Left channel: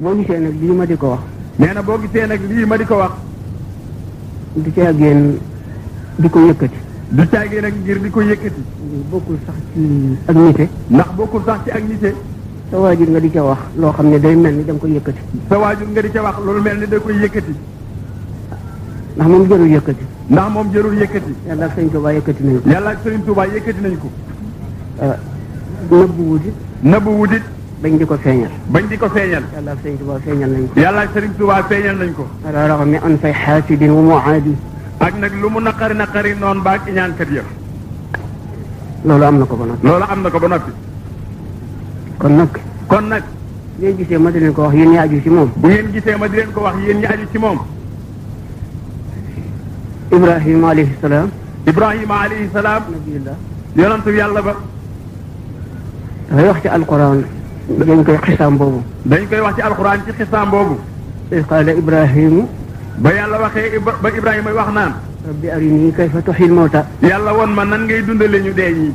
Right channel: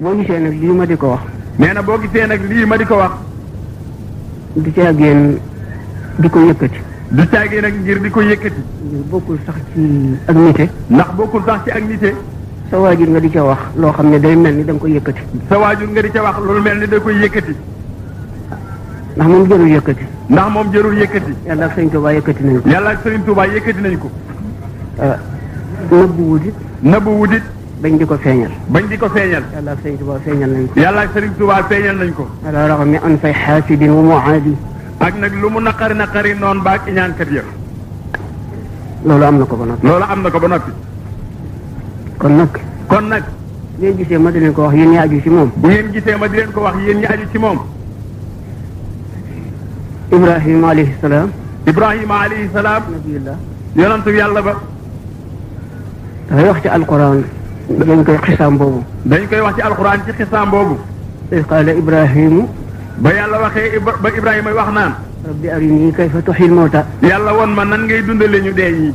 boo gisee nag lii ma di ko wax. nee na boo gisee nag lii ma di ko wax. du caagéen di ko yëkkati. du caagéen nag ngir di ko yëkkati. ngir bokkul sax ci ak nite. ndax bokkul sax ci ak nite. sa waajur nga di ca wax loo xam ne day mel ni da nga koy yëkkati. sa waajur nga di ca wax loolu mel ni da koy yëkkati. ndax moom jërul yëkkati. ndax moom jërul yëkkati. yàlla ak Sëriñ Tuubaa yëkkati nañ ko. yàlla ak Sëriñ Tuubaa yëkkati nañ ko. nëbbu wutit. nëbbu wutit. bañ di ko feeñal. bañ di ko feeñal. yàlla ak Sëriñ Tuubaa feeñal nañ ko. yàlla ak Sëriñ Tuubaa feeñal nañ ko. ala raxami an fay xaasidin wa muaadi. ak nag lu mu naqari noonu baag ñaankat ya. loolu am na ko ba noppi. loolu am na ko ba noppi. kon nag. bu ngeen gisee ma di leen ko wax yéen ñi aju ci moom. bu ngeen gisee ma di leen ko wax yéen ñi aju ci moom. Ibrahima alayhi salaam. Ibrahima alayhi salaam. nabiyullah. yonantu yàlla ba. dafay wax ci alquran. dañ koy xisaam boobu. dañ koy wax ci alquran ci xisaam boobu. iz qaala Ibrahimu. ba yàlla waxee ba Ibrahima wax naan. rabbi arinii kayfa tuhyil mawta. yàlla woon ma nan ngay dundale ñu dee ñi.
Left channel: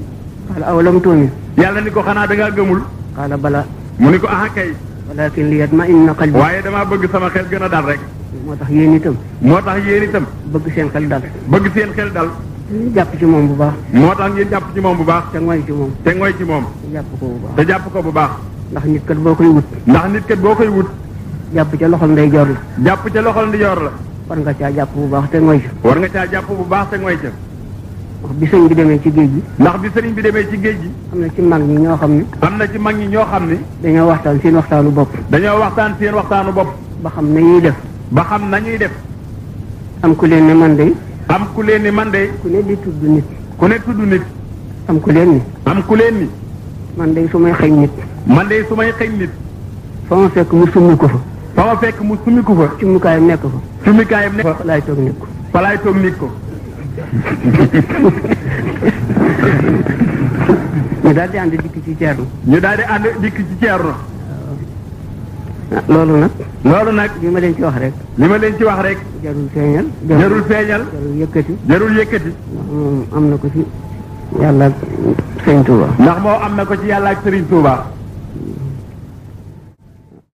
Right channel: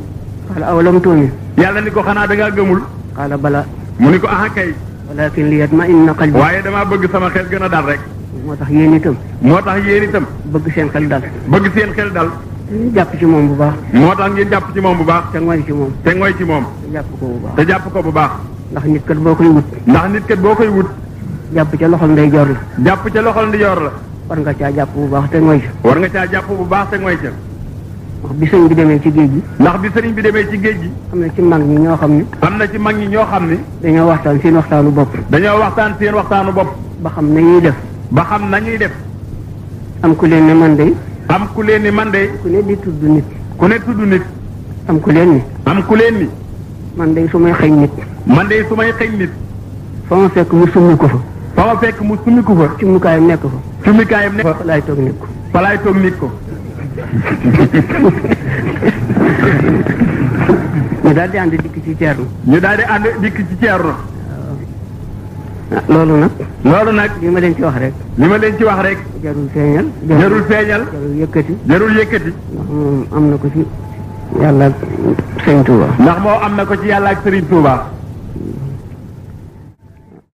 qaala awalam tu'min. yàlla ni ko xanaa da ngaa gëmul. qaala bala. mu ni ko aha kay. walakin liyatma'inna qalbi. waaye damaa bëgg sama xel gën a dal rek. moo tax yéen itam. moo tax yéen itam. bëgg seen xel dal. bëgg seen xel dal. ñu jàpp ci moom bu baax. moo tax ngeen jàpp ci moom bu baax. te ngoy ci moom. te ngoy ci moom. te jàpp ko bu baax. te jàpp ko bu baax. ndax nit kat boo koy wut. ndax nit kat boo koy wut. jàpp ca loxol ndeyjoor la. jàpp ca loxol ndijoor la. war nga caa jàpp bu baax te ngoy ca. war nga caa jàpp bu baax te ngoy ca. ndax bi sëriñ bi demee ci géej gi. ndax bi sëriñ bi demee ci géej gi. am na ci mag ñi ñoo xam ne. am na ci mag ñi ñoo xam ne. dañoo waxtaan seen waxtaanu bopp. dañoo waxtaan seen waxtaanu bopp. ba xam nañuy def. ba xam nañuy def. am ku leen ne man de. am ku leen ni man de. ku ne di tudd nit. ku ne tudd nit. am ku leen ni. am ku leen ni. man de su may xëñ nit. man de su may xëñ nit. fa ma fekk mu summi ko fa. fa ma fekk mu summi ko fa. cummukaayam nekk fa. cummukaayam nekk fa laay toog nit ko. fa laay toog nit ko. ñu daal di ànd dikk ci Ceerno. ñu daal di ànd dikk ci Ceerno. loolu nag. loolu nag. li ma leen ci wax rek. li ma leen ci wax rek. jarul feeñal. jarul feeñal. jarul yëkkati. jarul yëkkati. moom am na ko ci yàlla ak Sëriñ Tuuba. ndax moo am na ko ci yàlla ak Sëriñ Tuuba.